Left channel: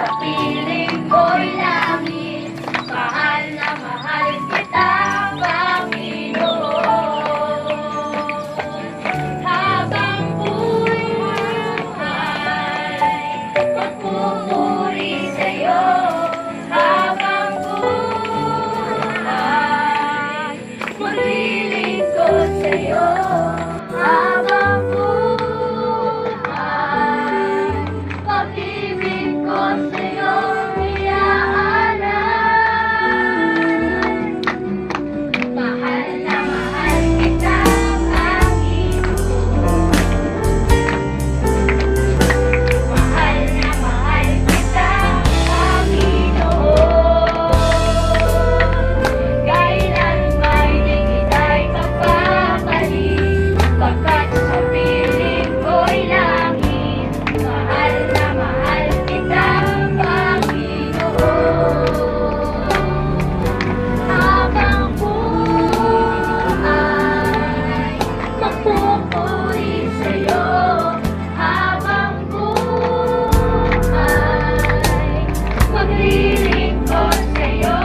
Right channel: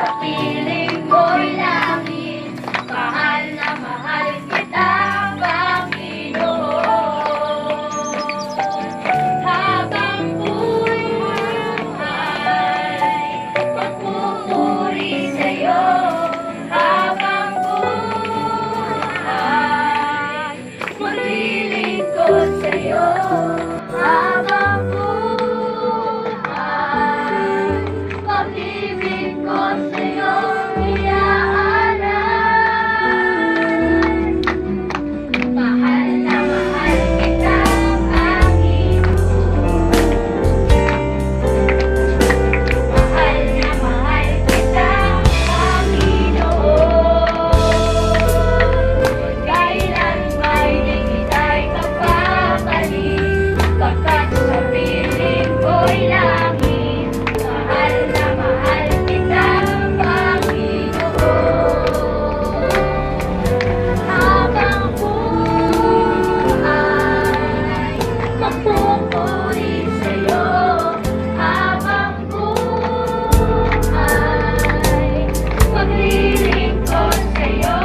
sa piling ko'y langit. Mahal na mahal kita, Panginoon. Habang buhay, magpupuri sa'yo. Habang buhay, maglilingkod sa'yo. Habang buhay, pag-ibig ko sa'yo iaalay. Mahal na mahal kita, Panginoon. Mahal na mahal kita, Panginoon. Kailan may di kita'y papabalik, pagkat sa piling ko'y langit. Mahal na mahal kita, Panginoon. Habang buhay, magpupuri sa'yo. Habang buhay, maglilingkod sa'yo.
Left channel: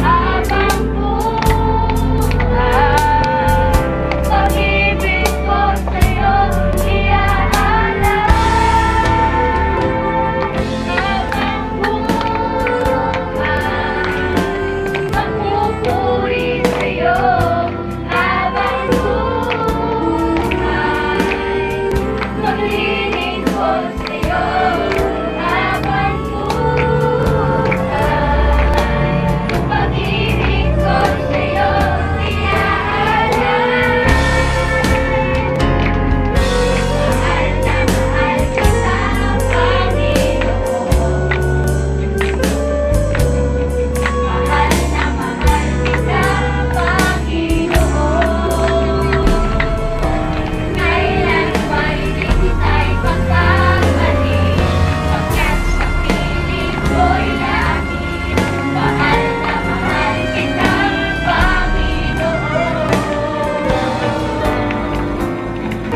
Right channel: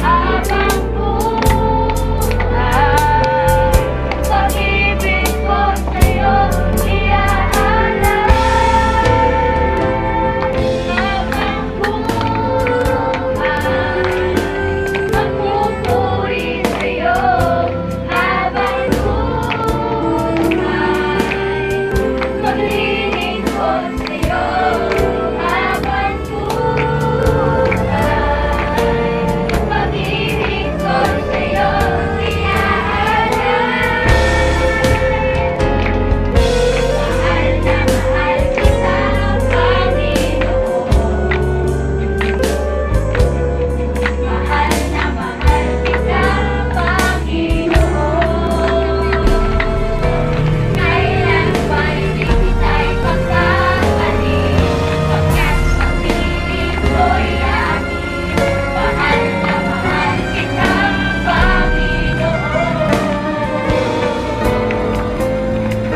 Habang buhay, pag-ibig ko sa'yo iaalay. Habang buhay, magpupuri sa'yo. Habang buhay, maglilingkod sa'yo. Habang buhay, pag-ibig ko sa'yo iaalay. Mahal na mahal kita, Panginoon. Mahal na mahal kita, Panginoon. Kailan ba hindi kita'y pagkakalik, pagkat sa piling ko'y langit. Mahal na mahal kita, Panginoon.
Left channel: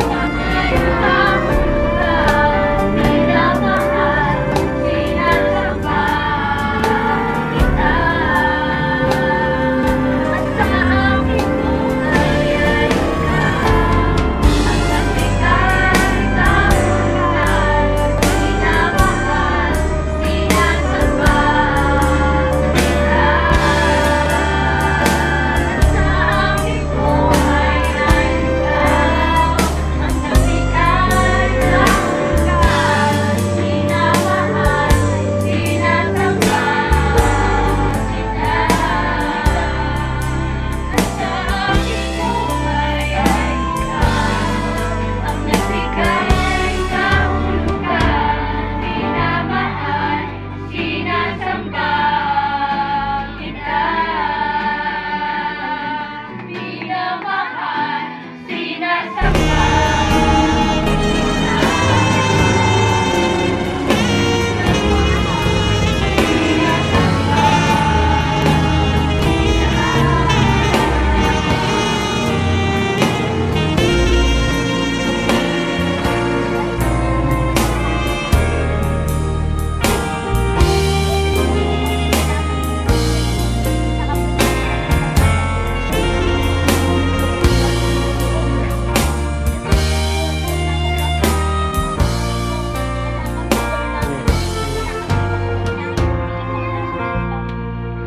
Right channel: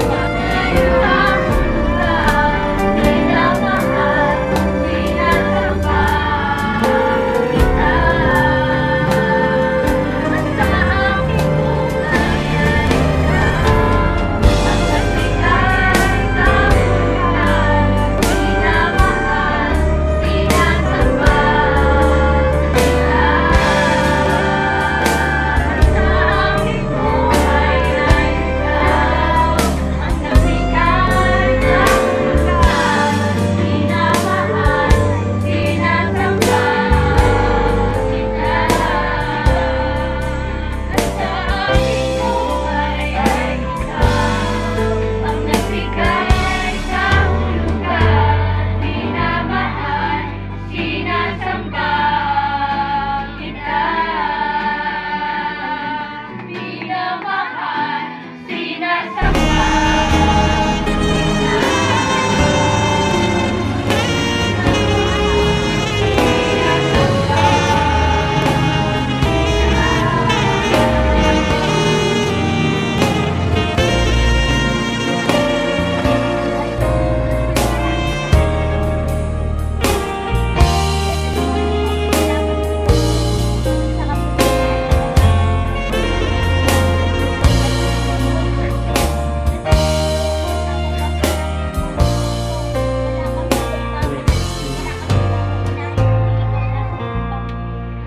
Mahal kahulugan, minamahal, sinasamba kita. At sa aking buhay ay ikaw ang nagbigay kahulugan, minamahal, sinasamba kita. At sa aking buhay ay ikaw ang nagbigay kahulugan, minamahal, sinasamba kita. At sa aking buhay ay ikaw ang nagbigay kahulugan, minamahal, sinasamba kita. Minamahal, sinasamba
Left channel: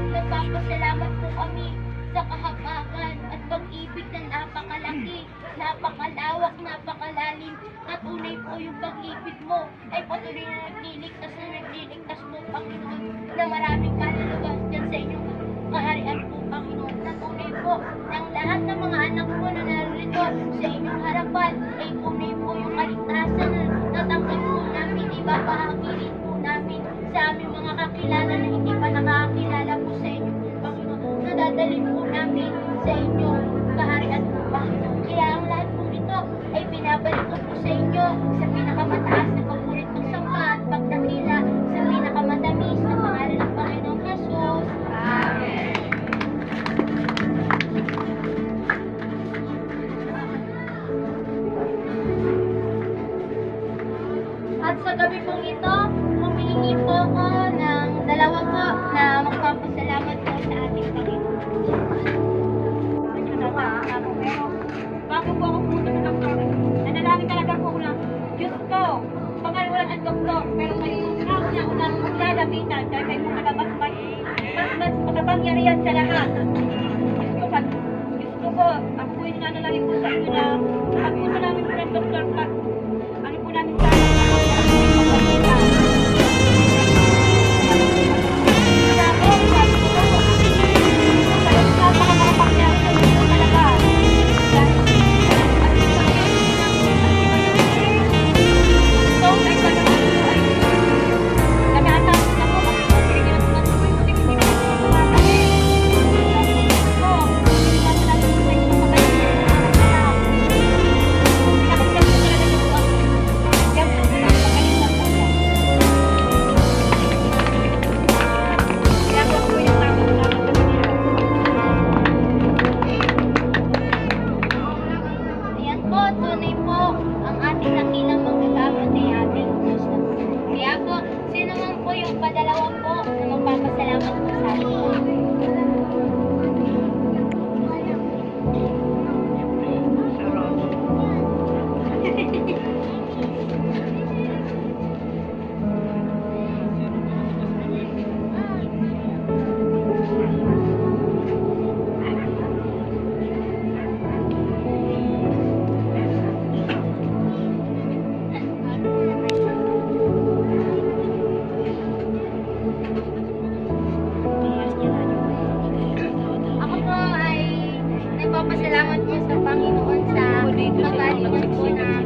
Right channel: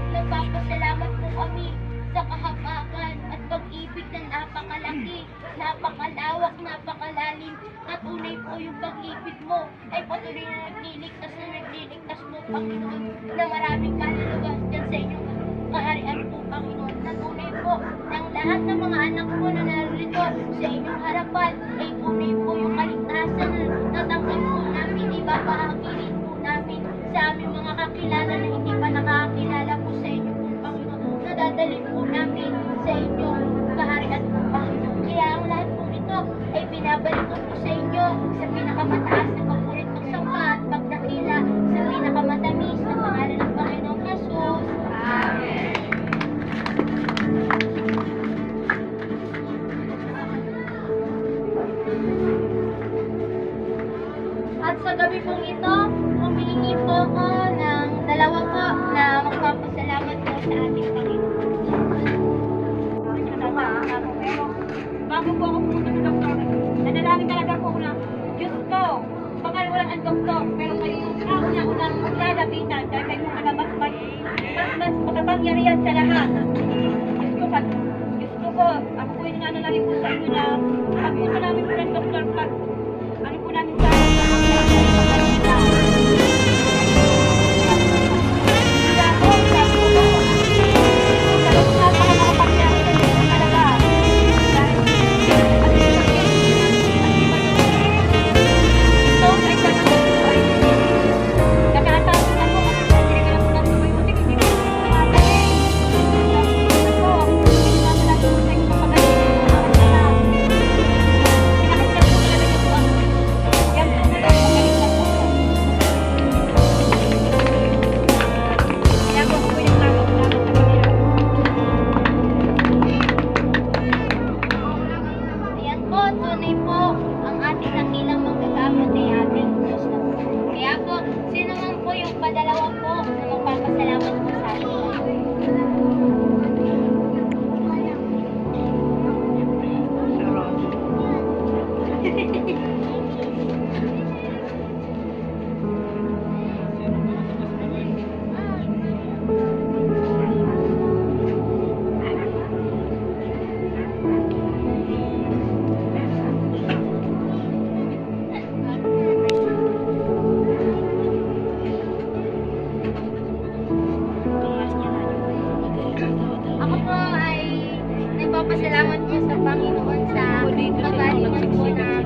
Nagpapasalamat po kami sa kahabagan at pag-ibig na napakalaki, napakalawak, napakalalim. At tunay po yung pag-ibig mo ay patuloy na nagliligtas mo, Panginoon, na maraming kaluluwas dyan sa inyong kaharian po, Panginoon. Na tunay po ng lahat ng mga anak mo na narito sa inyong harapan ay tunay po yung kaligtasan na natanggap po namin, ibabahagi rin po namin sa aming mga kakilala na hindi pa nakakakilala po sa inyo po, Panginoon. Nadadalhin po namin sa inyong kaharian po, Panginoon. Kaya ang lahat po ito ay binabalik ko po sa inyo sa pinakamataas na papurit pagsamba at pagdakila sa pinakamatamis na pangalan ng Panginoong Jesus. Amen. At At sa gabi pong ito, humihingi po ako ng dalawa po na magpapasalamat po sa ating Panginoon. Pero bago po ako pumunta sa doktor, nanalangin talaga po ako na, Diyos ko, pangalawalan ang doktor, pero kayo po una-unang maglalapitan dahil kayo po mas makapangyarihan sa lahat. Diyos ko po, ako po yung nanalangin po sa inyo na pagpunta namin po ng doktor, pag ano po namin sa ako po yung maglalita. Kaya po, sabi ko po, napaka-makapangyarihan po talaga. Dahil, at ito ay talagang po ay nagataas na po kasi po hindi na po natin po yung hindi po kumagaling. Sabi ko po, hindi naman natin po sa inyo magaling yung aking anak. Pinakinggan po talaga niyo po ako. Yan po po ang magaling na po. Kaya po ako po yung tamang sa Panginoon. Ayan po, tunay po ang ating nakilang magagamit ay ating Diyos na po. Kaya po, sino man po yung padalawa po na magpapasalamat po sa atin. Ako po ay nagpapasalamat po sa Panginoon sa kagalingan po na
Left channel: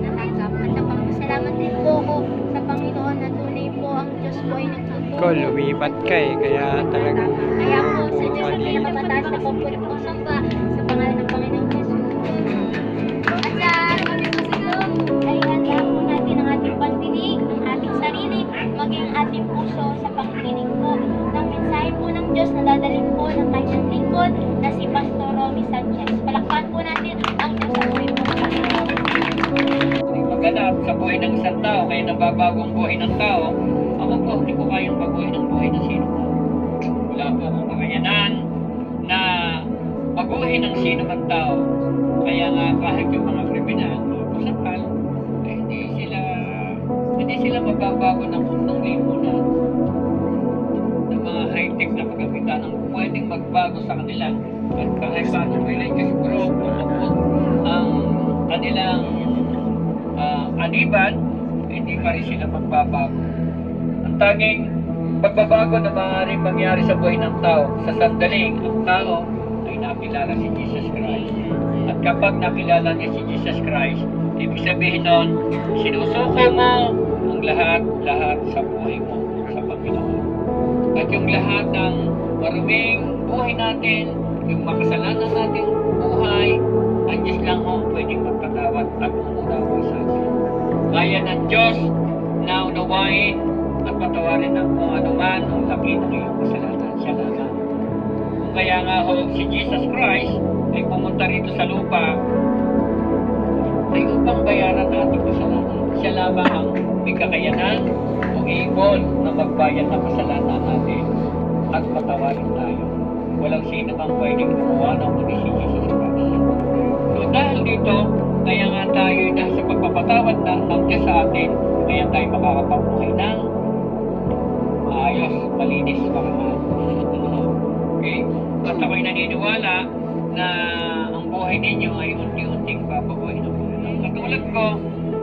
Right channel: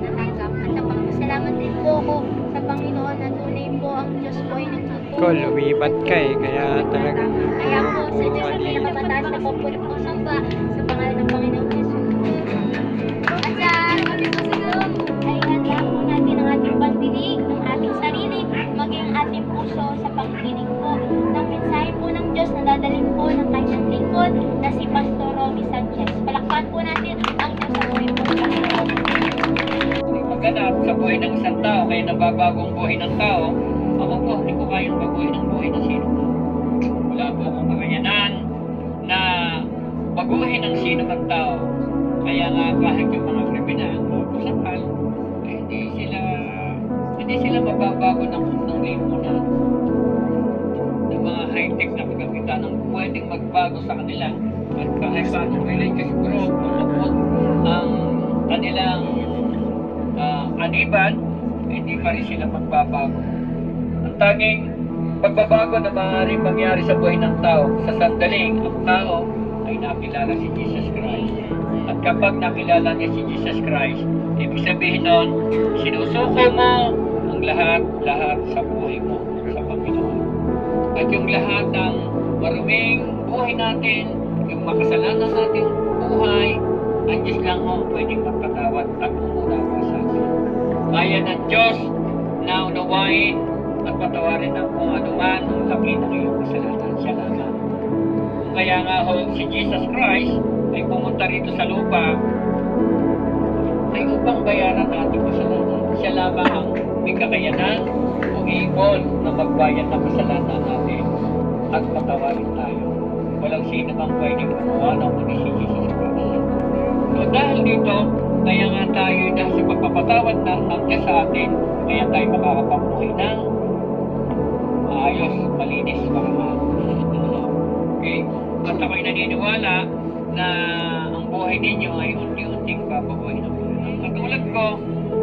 natanggap. At nagpapasalamat din po ako sa Panginoon na tunay po ang Diyos po ay nagtutulong. Ko, lumipat ka eh, kaya talagang Kaya po sa puro Diyos ang mali. pinakamataas na papuri po samba sa pangalan ng Panginoon Jesus. At sa gabi po ito ay handa po natin ang ating pandinig, ng ating sarili, maging ating puso sa pakikinig po ng mensahe po ng Diyos na dadalhin po ng kanyang lingkod na si Pastor Romy Sanchez. Palakpan po natin ang Diyos sa buhay po ni Pastor Romy. Maganap sa buhay ng isang tao, kaya nababagong buhay ng tao, ako po, hindi ko kayang baguhin ang buhay ng sino. Wala po akong kakayanan na baguhin ang sino man tao. Kaya nga kahit yung mga kriminal o kusapal, eh, hindi sila mababago ng lipunan ng mga high-tech na kagamitan ng pwedeng magbago sa kanila. At kahit bagong religious group, ang kanilang aniban, hindi pa rin sila magbabago. Ang tanging pagbabago na maaaring mangyari sa buhay ng tao, sa sandaling ang tao ay nakilala si Jesus Christ. At kapag nakilala niya si Jesus Christ, ibig sabihin nun, sinusuko mo ang lahat sa buhay mo sa Panginoon. At yung lahat ng maruming buhay natin, yung makasalanan nating buhay, ang Diyos lang ho pwedeng magpatawad at umunawa sa atin. Kaya ng Diyos na unawain at patawarin ang kung anuman ang laki ng iyong kasalanan. Siya lamang. Kaya nga ho, si Jesus Christ ay pumunta rito sa lupa ay upang bayaran ating kasalanan. Siya lamang ang may kakayanan o able na magbayad ng kasalanan natin at patawarin tayo. Walang sino mang pwedeng gumawa ng kundi si Jesus Christ. So dahil dito, kaya nga tayo dahil sa pagpapatawad ng Diyos sa atin, kaya tayo makakapamuhay ng maayos, malinis, makamahal. Okay? At ako'y naniniwala na ang buhay ninyo ay unti-unting babaguhin ng buhay. Katulad ko,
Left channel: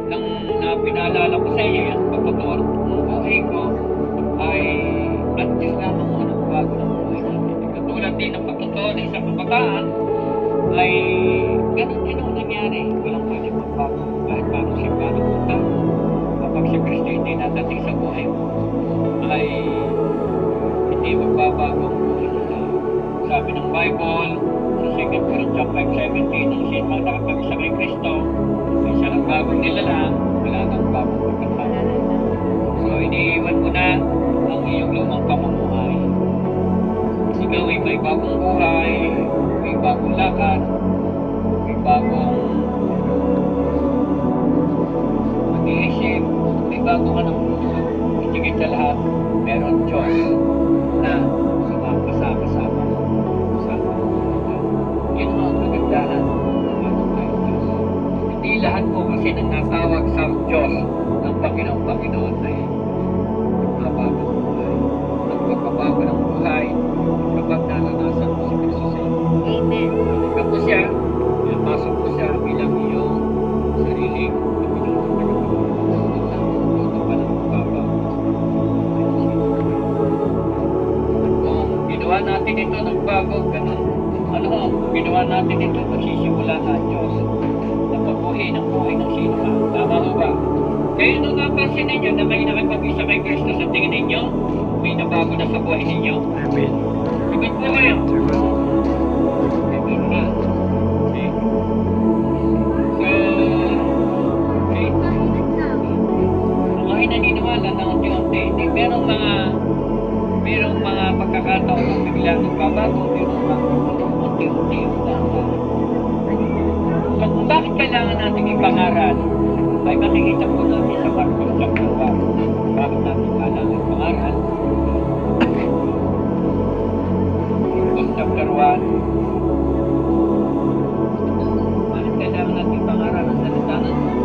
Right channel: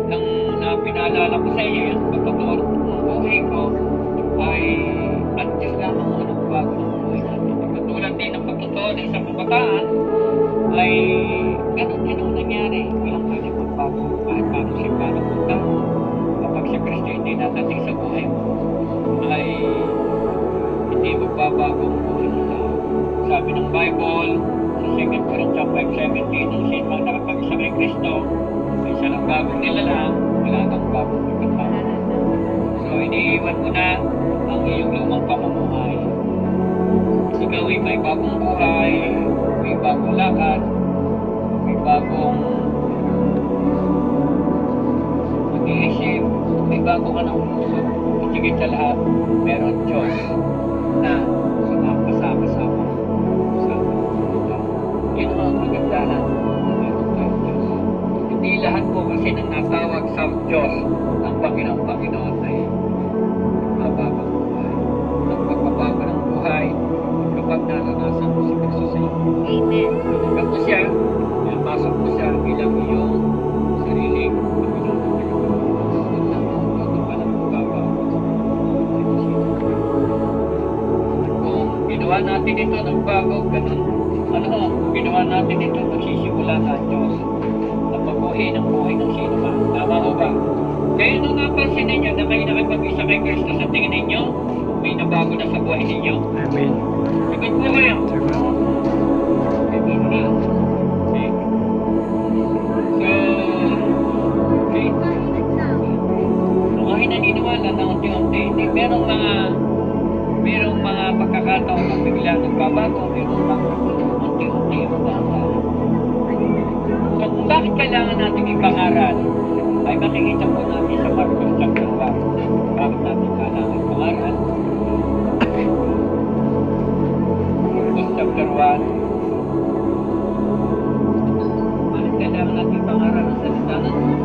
nang pinaalala ko sa iyo, ang pagpapawag ng buhay ko ay at Diyos lamang mo ng bago ng buhay natin. Katulad din ng pagtotoo ng isang kabataan ay ganun din ang nangyari. Walang pwede magbago kahit paano siya paano punta. Kapag si Kristo hindi nadating sa buhay mo, ay hindi magbabago ang buhay ng tao. Sabi ng Bible, sa 2 Corinthians 5:17, ang sin mang nakapag-isa kay Kristo, ay siya ng bagong nilala, wala nang bagong pagkatao. So, iniiwan mo na ang iyong lumang pamumuhay. Ikaw ay may bagong buhay, may bagong lakad, may bagong mag-iisip, may bagong sa lahat, meron Diyos na sumakasama sa yun ang kagandahan na meron tayong Diyos. Hindi lahat po kasi nang natawag sa Diyos ng Panginoon ay nagbabago ng buhay. Nagbabago ng buhay kapag naranasan mo si Kristo sa iyo. Amen. Tanggap mo siya, pinapasok mo siya bilang iyong sariling Panginoon at Tagapagligtas. Yun lang po, doon pa lang magbabago. Kung ginawa natin ito, nagbago, ganun. Kung ginawa natin ito, magsisimula na ang Diyos na pagbuhay ng buhay ng sino man. Tama ho ba? Kaya nung napansin ninyo na kayo nakipag-isa kay Kristo, sa tingin ninyo, may nabago na sa buhay ninyo. Amen. Sagot po kayo. Sagot. Amen na. Okay. So, okay. Ako ay naniniwala na unti-unti. Merong mga pagkakataon na bigla nagbabago, merong mga unti-unti yung dahan-dahan. So, kung bakit kailangan natin ipangaral, ay makikita po natin sa Marcos chapter 1. Bakit natin kailangan ipangaral? Marcos chapter 1. Bakit kailangan natin ipangaral ang salita ng Diyos?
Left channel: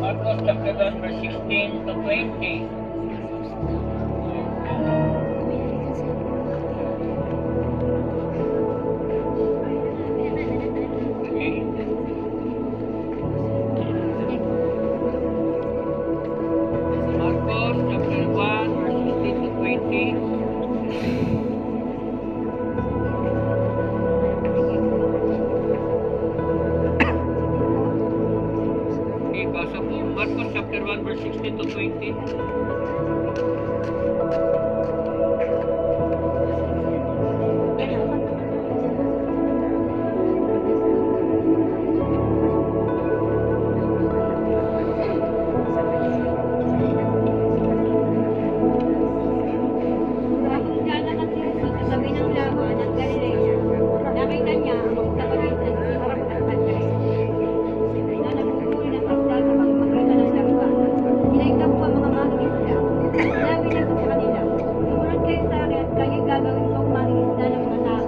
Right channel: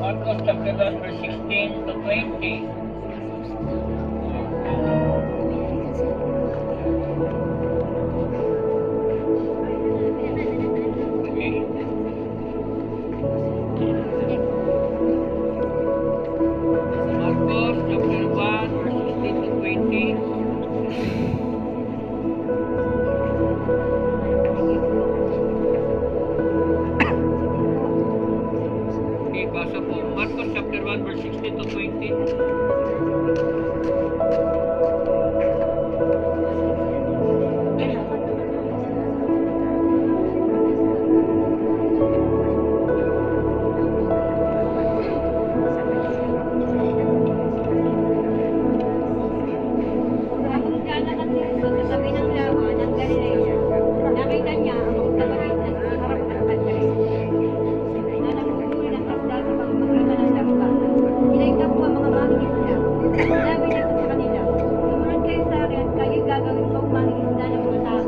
Marcos chapter 1 verse 16 to 20. Okay. Marcos chapter 1 verse 16 to 20. Okay, basa po. Marcos chapter 1 verse 16 to 20. Habang lalakad si Jesus sa tabi ng lawa ng Galilea, nakita niya ang magkapatid na si Harap at Andres na nanguhuli ng isda sa pamamagitan ng lambat. Sila'y kapwa mga mangingisda. Sinabi niya sa kanila, sumunod kayo sa akin at kayo'y gagawin kong mangingisda ng mga tao.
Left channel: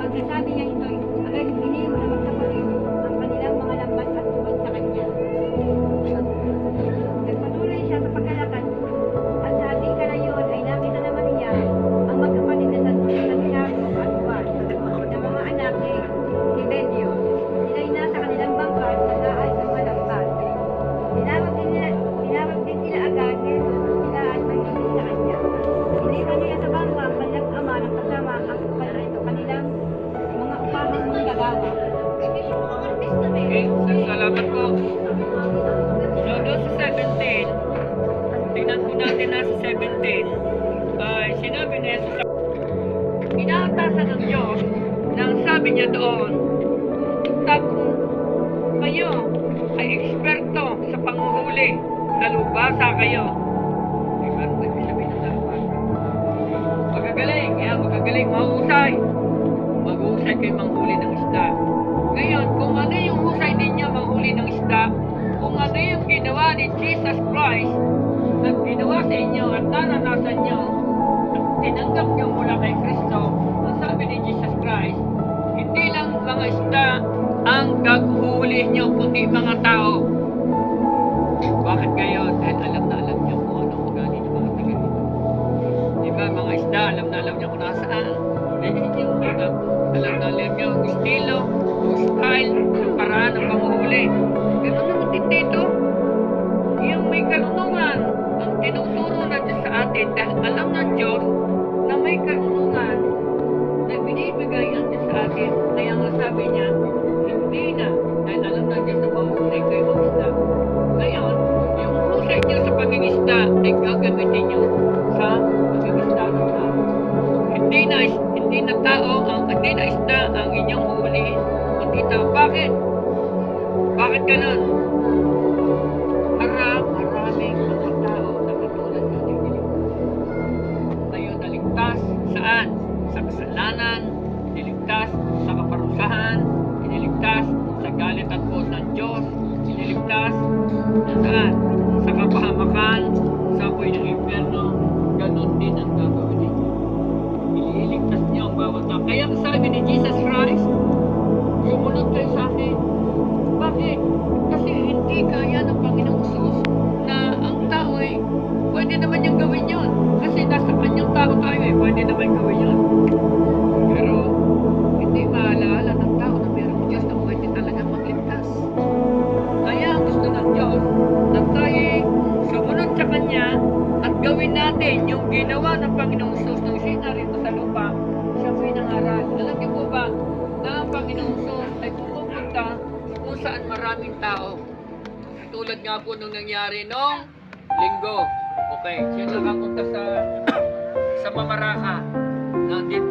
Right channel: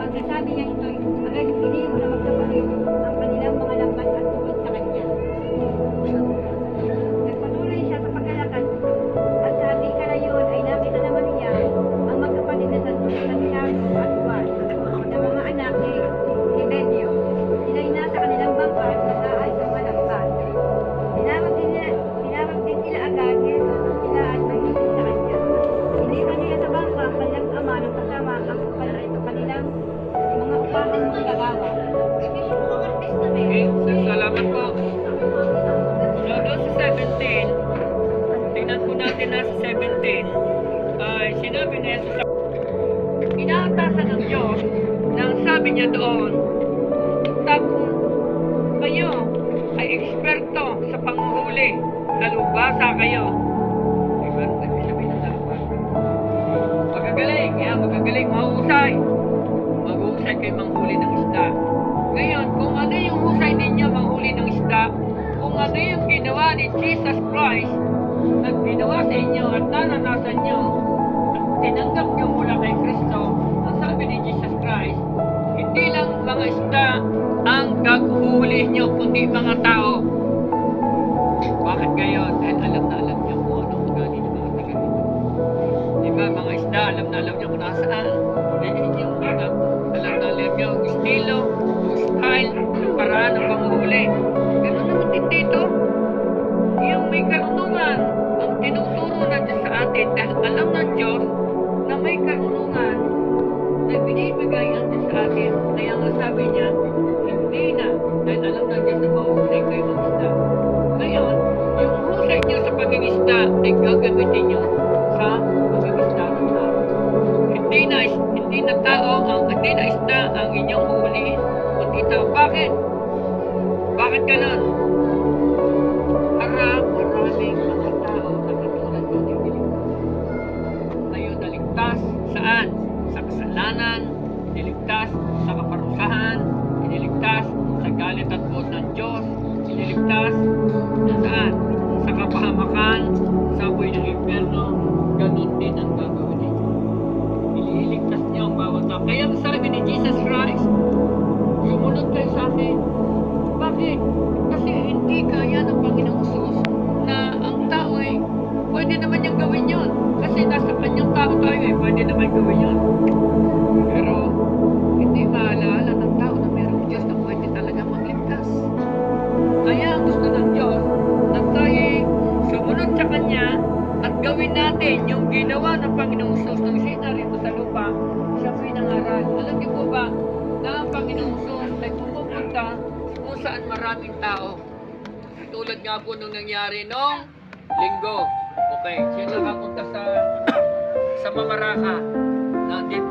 Pagkasabi niya ito'y, agad iniwan ng magkapatid ang kanilang mga lambat at tungkol sa kanya. Nagpatuloy siya sa paglalakad at sa ating kalayon ay nakita naman niya ang magkapatid na Santiago at Juan na mga anak ni Zebedeo. Sila'y nasa kanilang bangka at nag-aay sa mga lambat. Tinawag din sila agad ni Jesus at sila at nagiging sa kanya. Iniwan nila sa bangka ang kanilang ama ng kasama ang kanilang mga upahang manggagawa. Okay, so salamat po. So doon sa 17, tingnan po natin na sa 17, ay sinabi ni Jesus, inaatasan ng Diyos na ang sabi niya doon, kung kayo ay eksperto sa panguhuli, nalubasa kayo. Diba? Ibig sabihin ng nalubasa. Magagaling, magagaling, mahusay. Mag-uhusay kayo manghuli ng isda. Ngayon, kung ano yung husay ninyo manghuli ng isda, kung ano yung ginawa ni Jesus Christ na ginawa sa inyo at naranasan nyo at tinanggap nyo mula kay Kristo, ang sabi ni Jesus Christ, hindi lang mga isda ang gaghuhuli nyo, kundi mga tao. Bakit gayon? Dahil alam na alam nyo kung anong ugali ng mga taga dito. Diba, mga isda, alam na alam nyo kung nasaan. Hulihin nyo, alam na alam nyo ang estilo, o style, ang paraan ng panguhuli. Ganun naman din dito. Yung may karunungan, ang tinuturo na Diyos sa atin, dahil alam ng Diyos na may karunungan na binibigay ang Diyos sa atin. Kaya nga sabi niya, hindi na, dahil alam ng Diyos na mahusay kayo mag-isda. Ngayon, yung husay niyo sa pag-isda ay gagamitin niyo sa pag-isda ng tao. Hindi na isda ang inyong huhulihin, kundi tao. Bakit? Bakit ganun? Maraming mga tao na kasalanan, iniligtas sa kaparusahan, iniligtas sa galit at puot ng Diyos, iniligtas saan? Sa kapahamakan, sa apoy ng impyerno, ganun din ang gagawin ninyo. Ililigtas niyo ang bawat tao. Kaya ang sabi ni Jesus Christ, sumunod kayo sa akin. Bakit? Kasi hindi kaya ng Panginoong Sus na ang tao ay pwede naman niyang gawin yun. Kasi nasa kanyang tao tayo pwede naman gawin yun. Pero hindi maalaala ng tao na mayroong Diyos na pwede talaga magligtas. Kaya ang gusto ng Diyos na tayo sumunod sa Kanya at gawin natin yung ginawa ng Panginoong Sus nung siya narito sa lupa, siya po'y nangaral. Alam niyo po ba na ang Panginoong Sus ay pumupunta kung saan maraming tao. Tulad nga po nung nangyari nung linggo. Okay, siya nakapunta sa Mamaraka.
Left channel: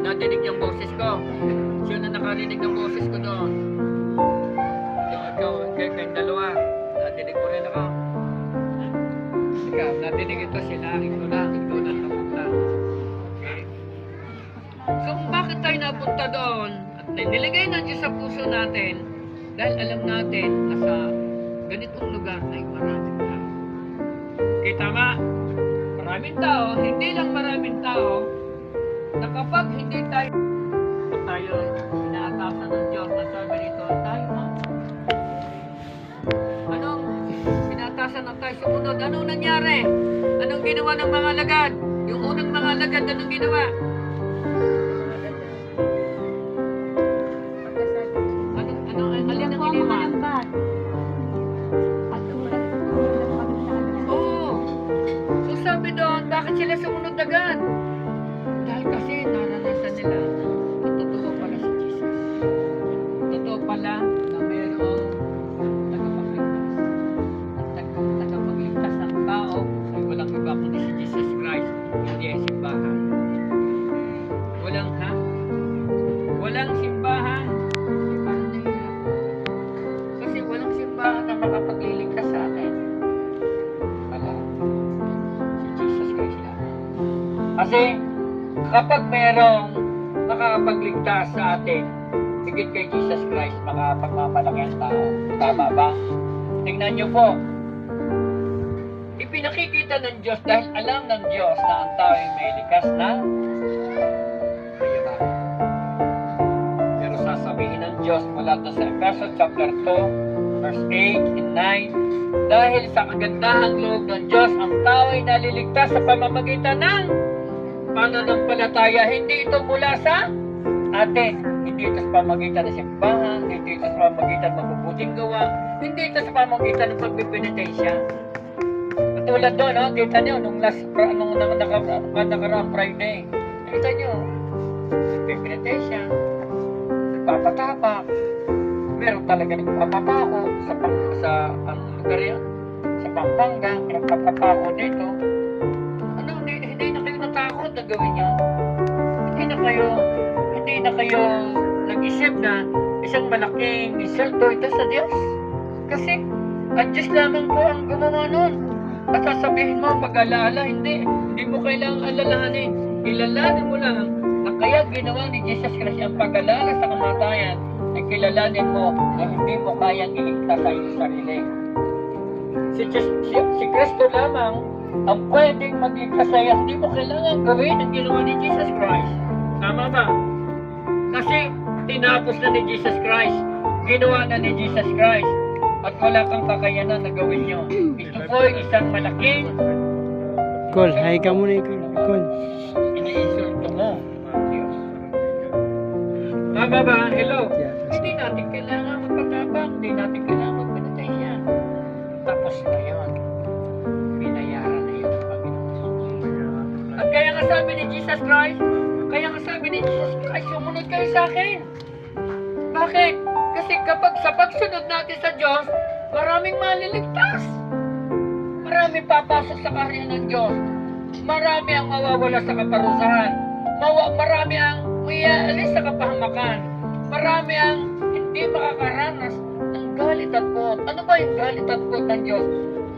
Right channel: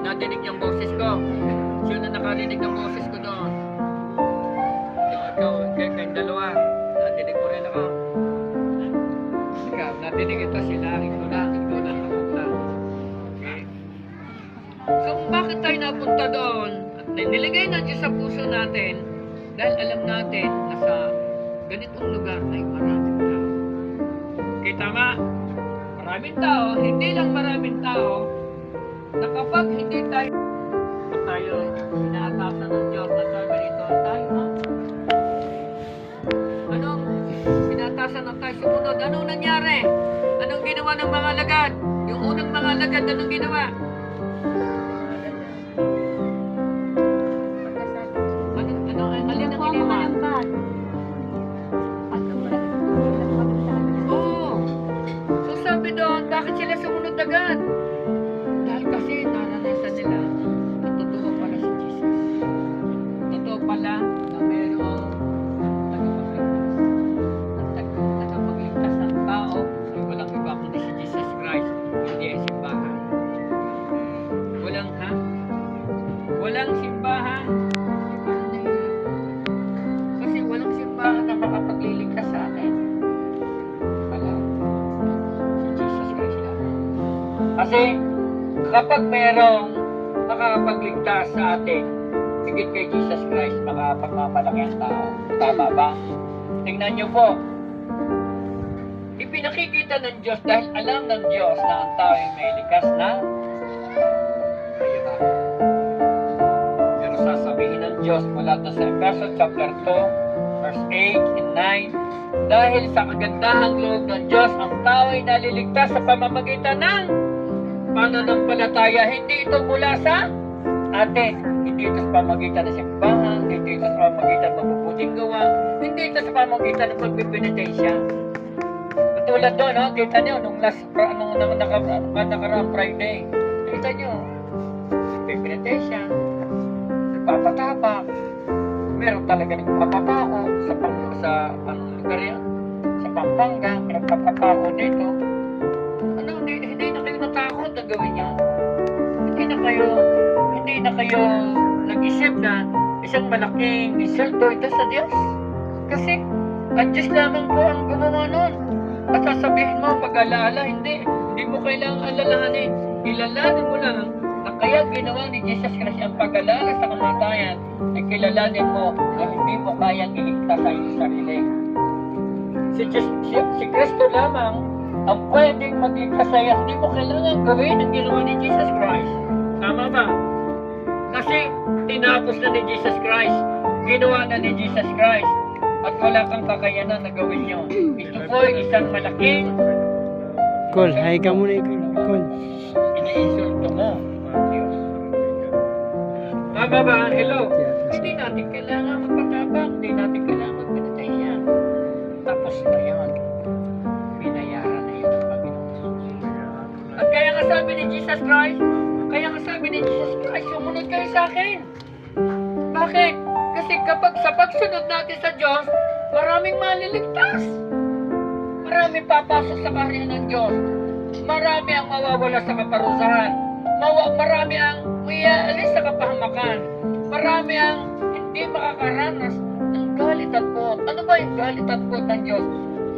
Nadinig yung boses ko. Siya na nakarinig ng boses ko doon. Ikaw, kayong dalawa. Nadinig mo rin ako. Ikaw, nadinig ito sila. Ikaw lang napunta. Okay. So, bakit tayo napunta doon? At niligay ng Diyos sa puso natin dahil alam natin na sa ganitong lugar ay maraming tao. Okay, tama? Maraming tao, hindi lang maraming tao, na kapag hindi tayo inaatasan ng Diyos na sabi nito, tayo ha? Anong inaatasan na tayo sumunod? Anong nangyari? Anong ginawa ng mga alagad? Yung unang mga alagad, anong ginawa? Alin ang ginawa? Oo. So sabi doon, bakit sila sumunod agad? Dahil kasi naranasan nila at totoo pala si Jesus. Totoo pala na mayroong tagapagligtas. At tagapagligtas ng tao ay walang iba kundi si Jesus Christ, hindi ay simbahan. Walang simbahan. Parang nahihirap. Kasi walang simbahan na makapagliligtas sa atin. Wala. Si Jesus Christ lang. Kasi kapag mayroong makakapagligtas sa atin, higit kay Jesus Christ, makapagmamalaki ang tao. Tama ba? Tingnan niyo po. Ipinakikita ng Diyos dahil alam ng Diyos na ang tao ay may likas na kayabangan. Pero sasabihin ng Diyos mula sa Efeso chapter 2, verse 8 and 9, dahil sa kagandahang loob ng Diyos, ang tao ay naliligtas sa pamamagitan ng pananampalataya. Hindi ito mula sa atin. Hindi ito sa pamamagitan ng simbahan, hindi ito sa pamamagitan ng mabubuting gawa, hindi ito sa pamamagitan ng pagpipinitensya. Katulad doon, no? Kita nyo, nung nakaraang Friday, kita nyo, pagpipinitensya, nagpapatapak, meron talaga nagpapapako sa lugar yan, sa Pampanga, nagpapapako dito. Hindi na kayo natakot na gawin nyo. Hindi na kayo nag-isip na isang malaking insulto ito sa Diyos. Kasi ang Diyos lamang po ang gumawa nun. At sasabihin mo, pag-alaala, hindi mo kailangang alalahanin. Ilalanin mo lang na kaya ginawa ni Jesus Christ ang pag-alala sa kamatayan ay kilalanin mo na hindi mo kayang iligtas sa iyong sarili. Si Kristo lamang ang pwedeng magligtas sa iyo. Hindi mo kailangan gawin ang ginawa ni Jesus Christ. Tama ba? Kasi tinapos na ni Jesus Christ. Ginawa na ni Jesus Christ. At wala kang kakayanan na gawin nyo. Ito po ay isang malaking Col, hi ka muna, Col. iniinsulto mo, mga Diyos. Tama ba? Hello? Hindi natin kailangan magpatapang. Hindi natin kailangan magpinatensya. Tapos na yun. Binayaran na yun ang Panginoon. At kaya nga sabi ni Jesus Christ, sumunod kayo sa akin. Bakit? Kasi kapag sa pagsunod natin sa Diyos, maraming maliligtas. Maraming papasok sa kaharian ng Diyos. Marami ang mawawala sa kaparusahan. Marami ang mayaalis sa kapahamakan. Marami ang hindi makakaranas ng galit at puot. Ano ba yung galit at puot ng Diyos?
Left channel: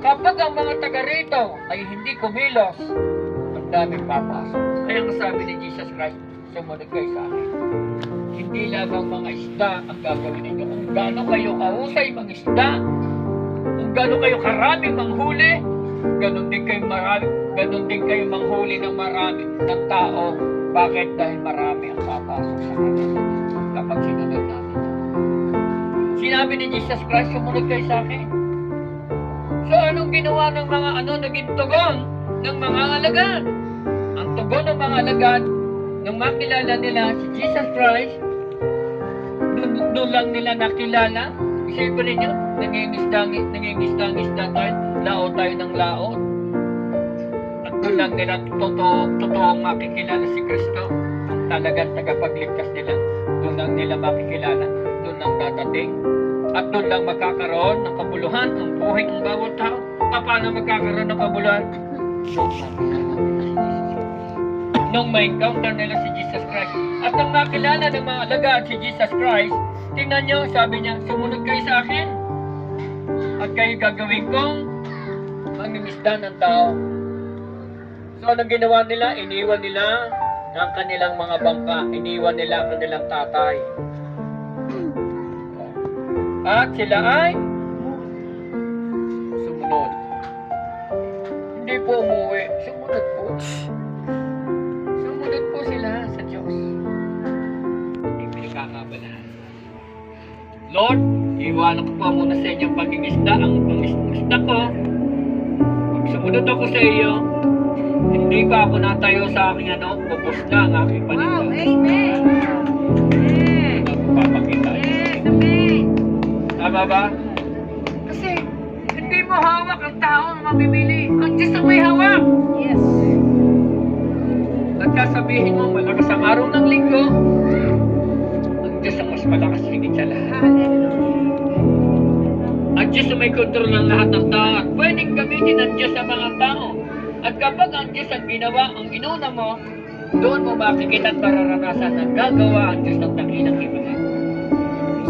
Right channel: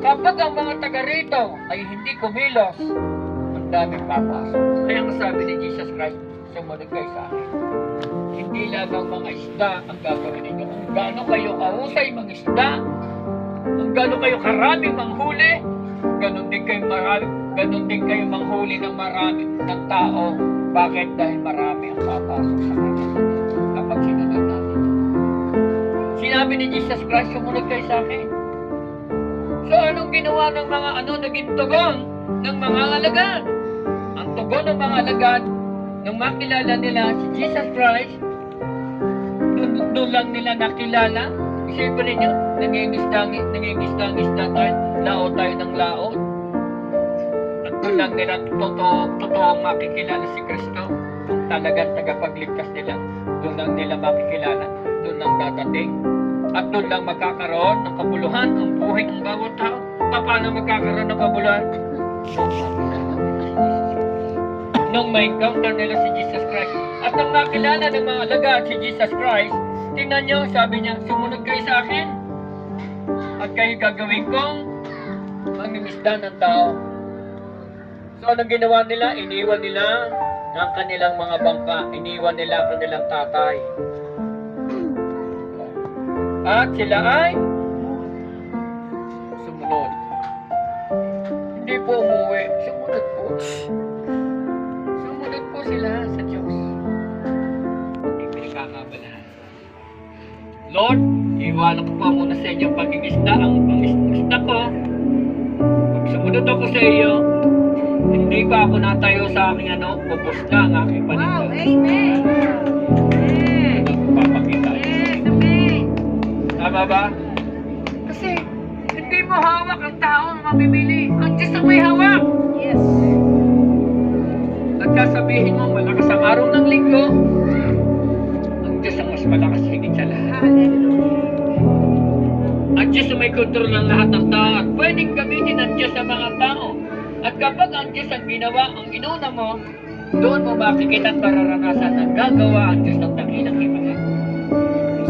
Kapag ang mga taga rito ay hindi kumilos, ang daming papasok. Kaya ang sabi ni Jesus Christ, sumunod kayo sa akin. Hindi lamang mga isda ang gagawin ninyo. Kung gaano kayo kahusay mga isda, kung gaano kayo karaming manghuli, ganun din kayo manghuli ng marami ng tao. Bakit? Dahil marami ang papasok sa kanya kapag sinunod natin. Sinabi ni Jesus Christ, sumunod kayo sa akin. So anong ginawa ng mga naging tugon ng mga alagad? Ang tugon ng mga alagad, nung makilala nila si Jesus Christ, doon lang nila nakilala. Isipin ninyo, nangingisda tayo, laot tayo ng laot. At doon lang nila totoong makikilala si Kristo. Kung talagang tagapagligtas nila, doon lang nila makikilala, doon lang dadating. At doon lang magkakaroon ng kabuluhan ang buhay ng bawat tao. Paano magkakaroon ng kabuluhan? Nung may encounter nila si Jesus Christ. At nung makilala ng mga alagad si Jesus Christ, tingnan nyo, sabi niya, sumunod kayo sa akin. At kayo gagawin kong mangingisda ng tao. So anong ginawa nila? Iniwan nila ng kanilang mga bangka. Iniwan nila ang kanilang tatay. At sila ay sumunod. Hindi po umuwi. Sumunod po. Sumunod po sila sa Diyos. Hindi pinagkakabalahan. Lord, iwanan ko po muna sa inyo pangingisda. Ang pangingisda ko, pag sumunod ako sa iyo, hindi pa ako natayo sa aking ubos na ang aking paningin. Wow, amen. Papakita. Yes, amen. Tama ba? Kasi hindi mo hawak ang tao na mamimili. Ang Diyos ang may hawak. Yes. At sasabihin mo, malakas ang araw ng linggo. Ang Diyos ang mas malakas higit sa lahat. Hallelujah. Ang Diyos ang may kontrol ng lahat ng tao. At pwedeng gamitin ang Diyos sa mga tao. At kapag ang Diyos ang ginawa, ang inuna mo, doon mo makikita at mararanasan na gagawa ang Diyos ng dakilang himala.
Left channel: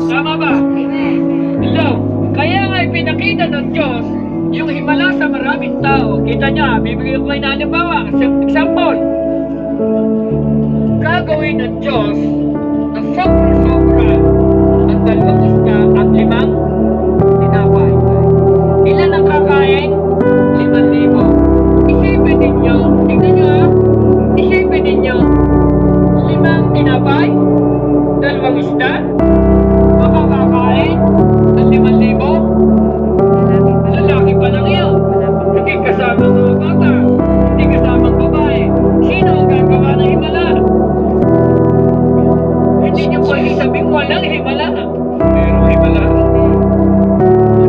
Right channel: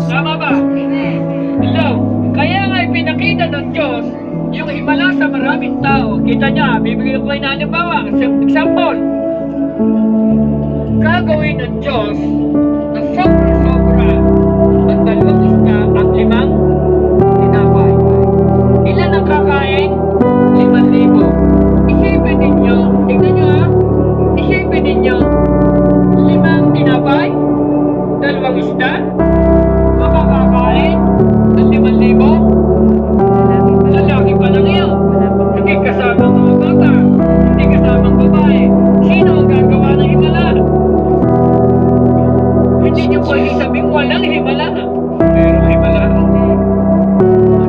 Tama ba? Amen. Hello? Kaya nga ipinakita ng Diyos yung himala sa maraming tao. Kita niya, bibigyan ko kayo na halimbawa. Example, gagawin ng Diyos na sobra-sobra ang 2 isda at 5 tinapay. Ilan ang kakain? 5,000. Isipin ninyo, tignan nyo isipin ninyo, 5 tinapay, 2 isda, makakakain ng 5,000. Lalaki pa lang yun. Hindi kasama ang mga bata, hindi kasama ang babae. Sino ang gagawa ng himala? Hindi nyo pwede sabing walang himala. Merong himala.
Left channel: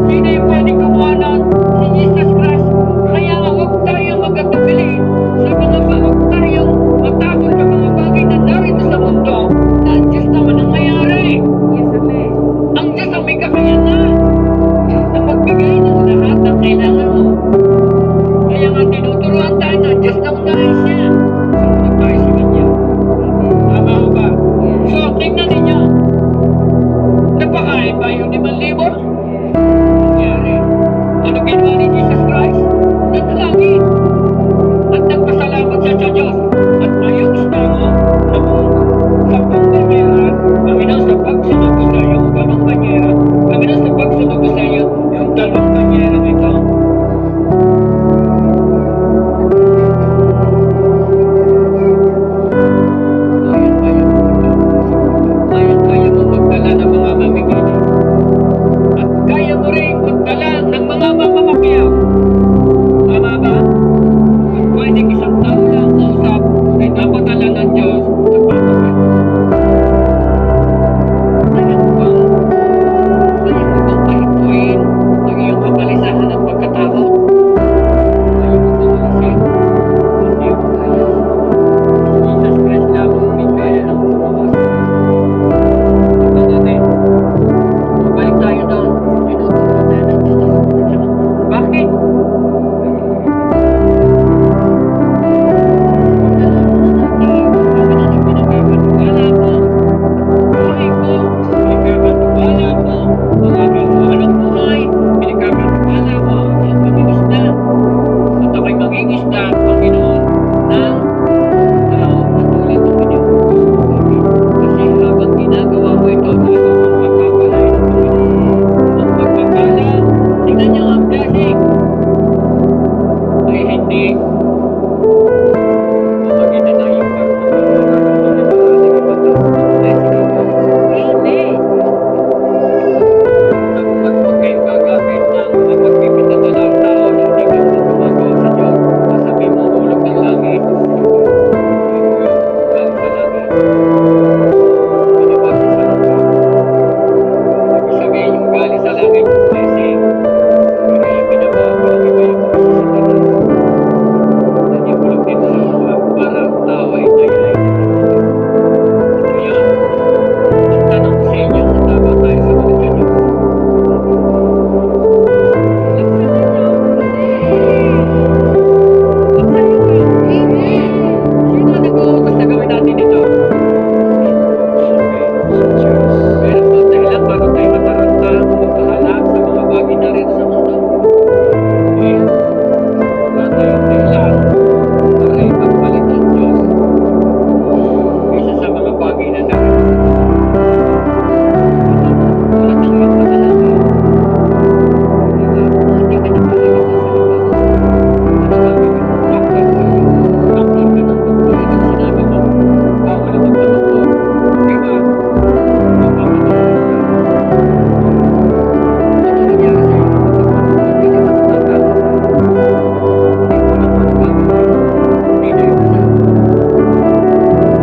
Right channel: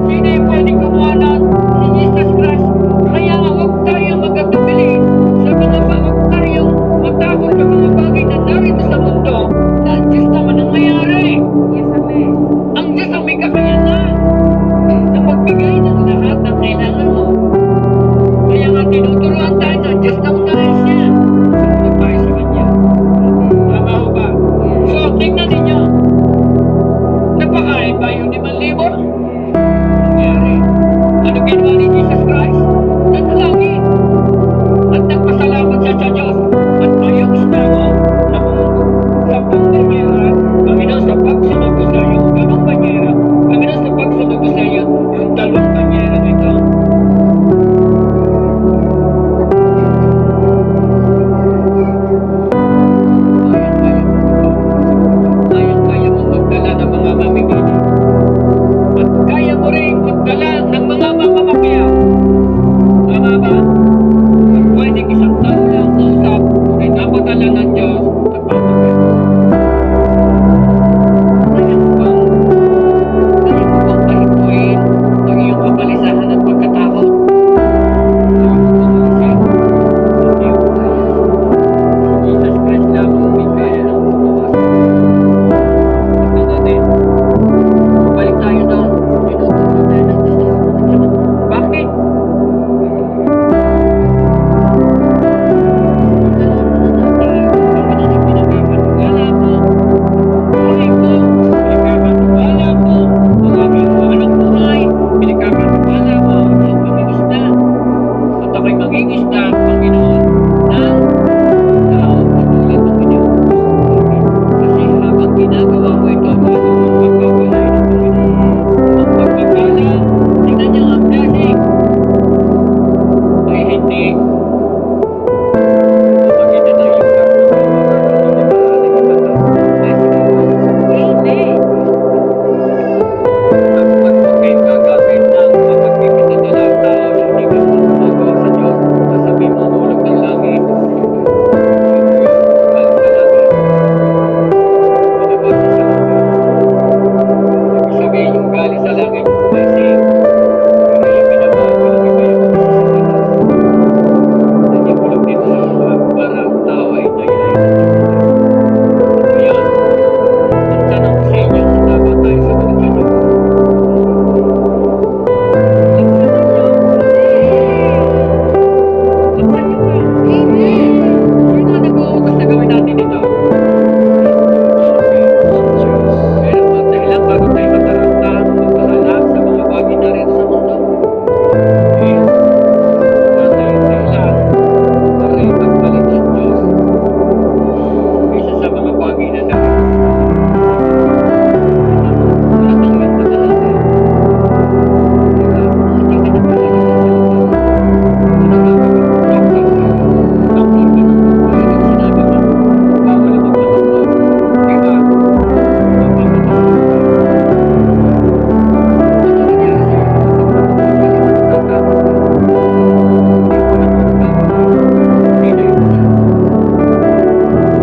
Sino yung pwedeng gumawa nun? Si Jesus Christ. Kaya nga huwag tayong magkatubili sa mga huwag tayong matakot sa mga bagay na narito sa mundo na ang Diyos naman ang mayari. Yes, amen. Ang Diyos ang may kakayanan na magbigay ng lahat ng kailangan mo. Kaya nga tinuturuan tayo ng Diyos na unahin siya. Sumunod tayo sa Kanya. Tama ho ba? So, tingnan ninyo. Napakain ba yung 5,000? Nangyari. Ano ginawa ni Jesus Christ? Nanalangin. At nagpasalamat siya sa Diyos. At ayong isda mo na kung 10 banyera, Panginoon sa pagsunod ko sa iyo, 2 banyera, Panginoon sa pagsunod ko sa iyo, yung 2 banyera nito, kaya mo magdala ng mga mamimili. At kaya mo rin magdala ng mga mamamakiyaw. Tama ba? At pwedeng 1 taon lang kausap ay napadala ng Diyos at papakita. Kaya mo bang pahipuin ang iyong kabalisahan at pagkatakot? Kaya mo bang alisin? Hindi mo kaya. Jesus Christ lamang may kaya ng bumawas. Ito natin. Balik tayo doon. Tinuturuan tayo ng Diyos galing sa langit yung blessing. Pero yung binabago lang iba yung sa Satanas. Nanipulog dito sa lupa para ang tao ay dayain ng Panginoon. Ngayon, ang tanong ko sa inyo, tama tayo sa mga Diyos. Laksan ninyo. Laksan niyo ba? Sino ang nag-uutos na gawin natin ito? Diyos. Meron bang dahilan bago tayo mataranta o mapahalag sa mga bagay na rin sa mundo? Okay? Wala tayong dahilan para ipagpalit ng Diyos kaysa sa mga bagay na narin. Wala tayong panalangin. Diba? Hindi ka na palilig sa salita. Ano gagawin mo? Doktor ka. Doktor ka ng doktor. Ano yung sinabi mo? Bawal ang magpa-doktor. Diba? Mapapadoktor ka. Ano nangyari sa'yo kapag nagpa-doktor ka? Di ba natatakot ka? Hindi mo alam kung ano gagawin. Hindi na yung isa.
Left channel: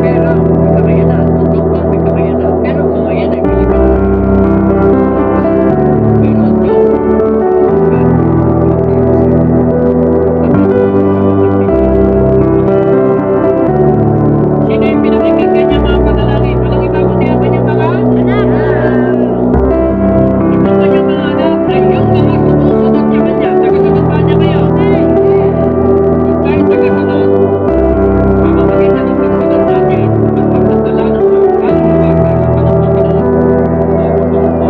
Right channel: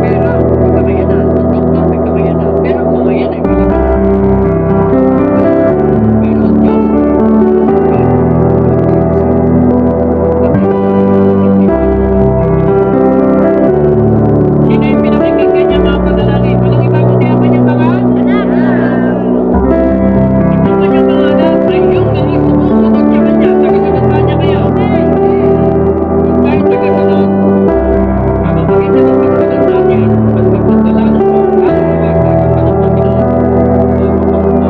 Pero may kakayanan. Ang doktor may kakayanan. Pero ang mga yan ay Pilipino. Pero ang Diyos, walang sino yung pinakikinggan niya mga panalangin? Walang iba kundi ang kanyang mga anak. Itong kanyang mga anak ay yung mga sumusunod sa kanya. Tagasunod ba niya kayo? Kung tayo tagasunod, pamamagitan ng pagsunod natin at pagdadala ng mga kaluluwa sa harapan ng Panginoon,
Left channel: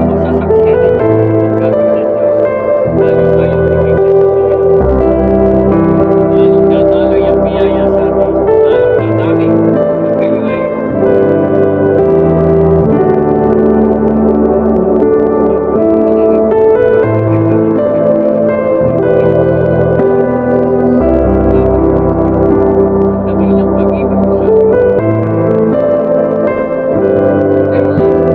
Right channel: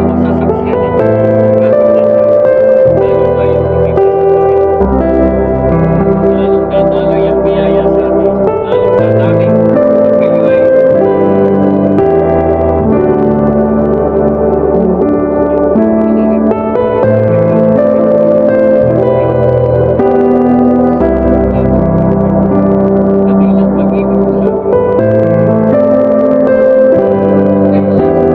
masasaksiyan ninyo ang gagawin ng Diyos. Lalo tayong tingin sa Panginoon. Lalong dadaloy ang biyaya sa atin. Lalong dadami at kayo ay dakilang pag-ibig mo sa amin. Dahilan yung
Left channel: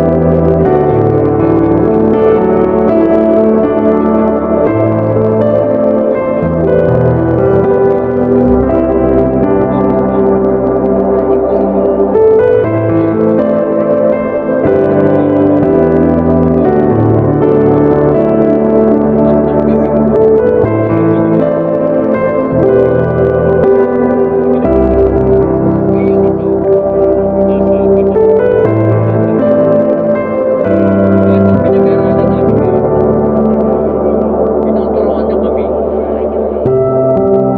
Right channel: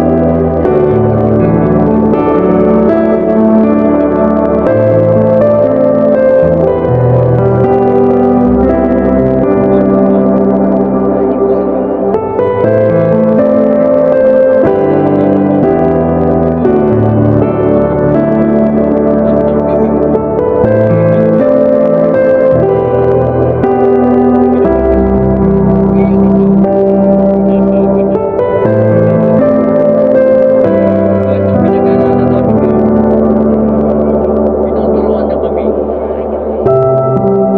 tinuturuan na kami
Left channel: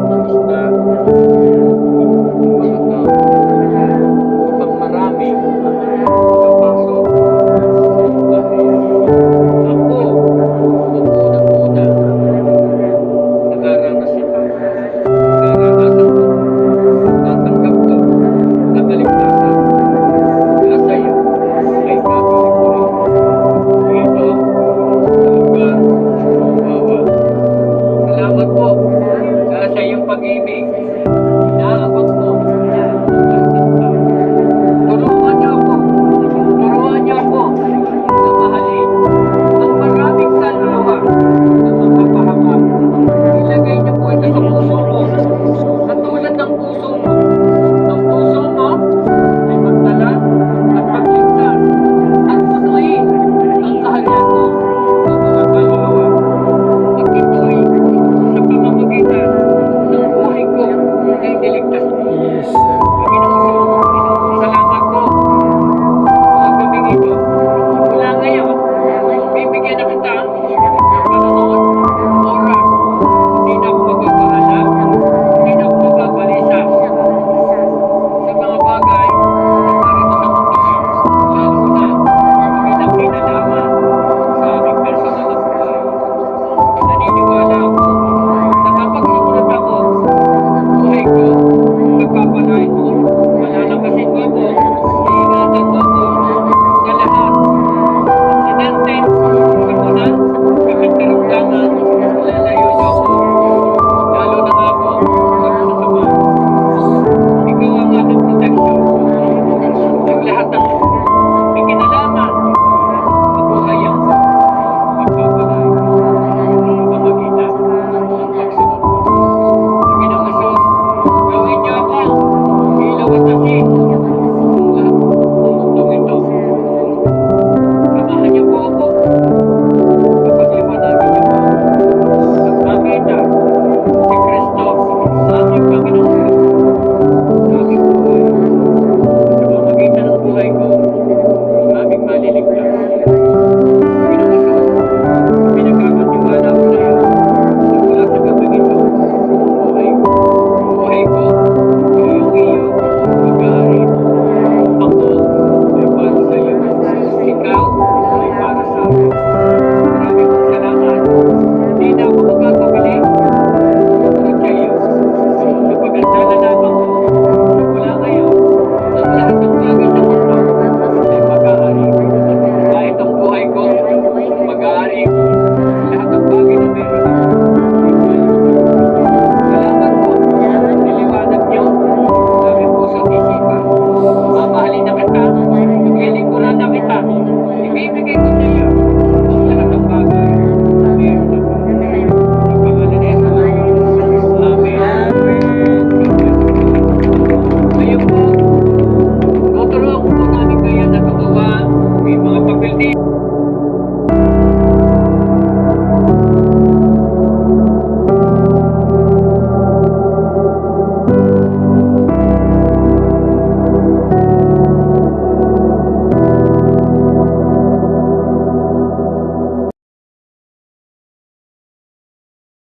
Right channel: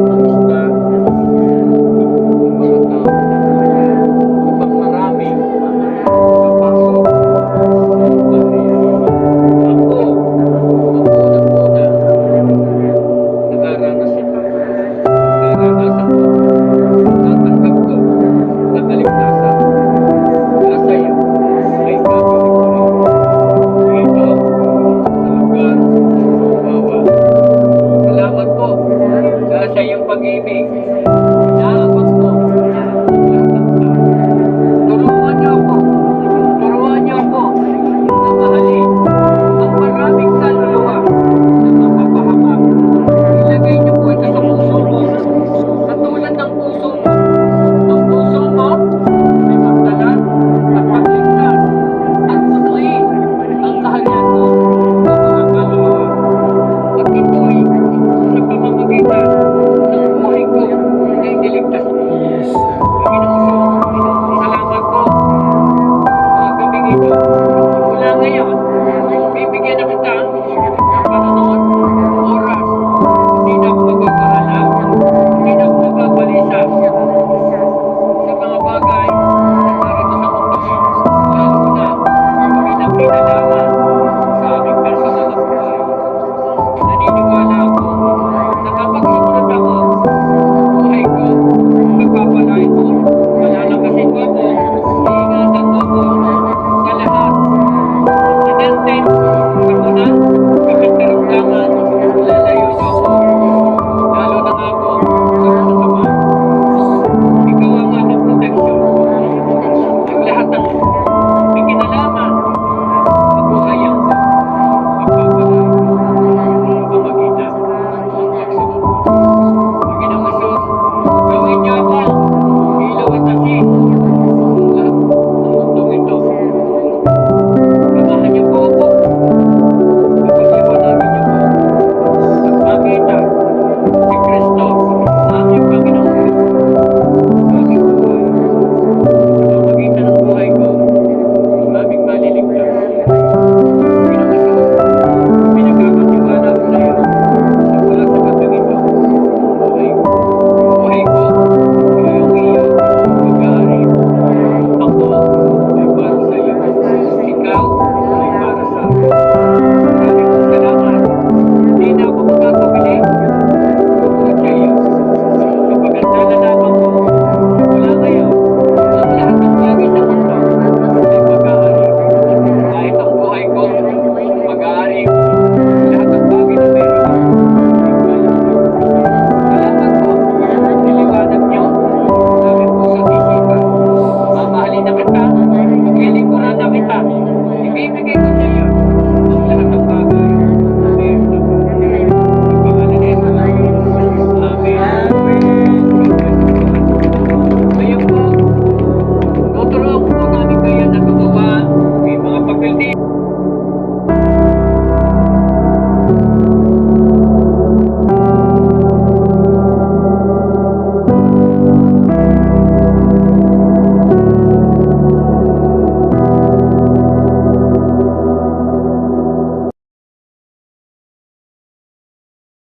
mangisda ng mga tao upang marami kapasok sa bahay. Ako, ang unang-una, nakaranas ito. Naranasan ko, natanggap ko na kaligtasan. Kaya sa'yo ay gagawin ko rin. Dito, sa lugar ng bawal. Salamat po sa iyong pag-ibig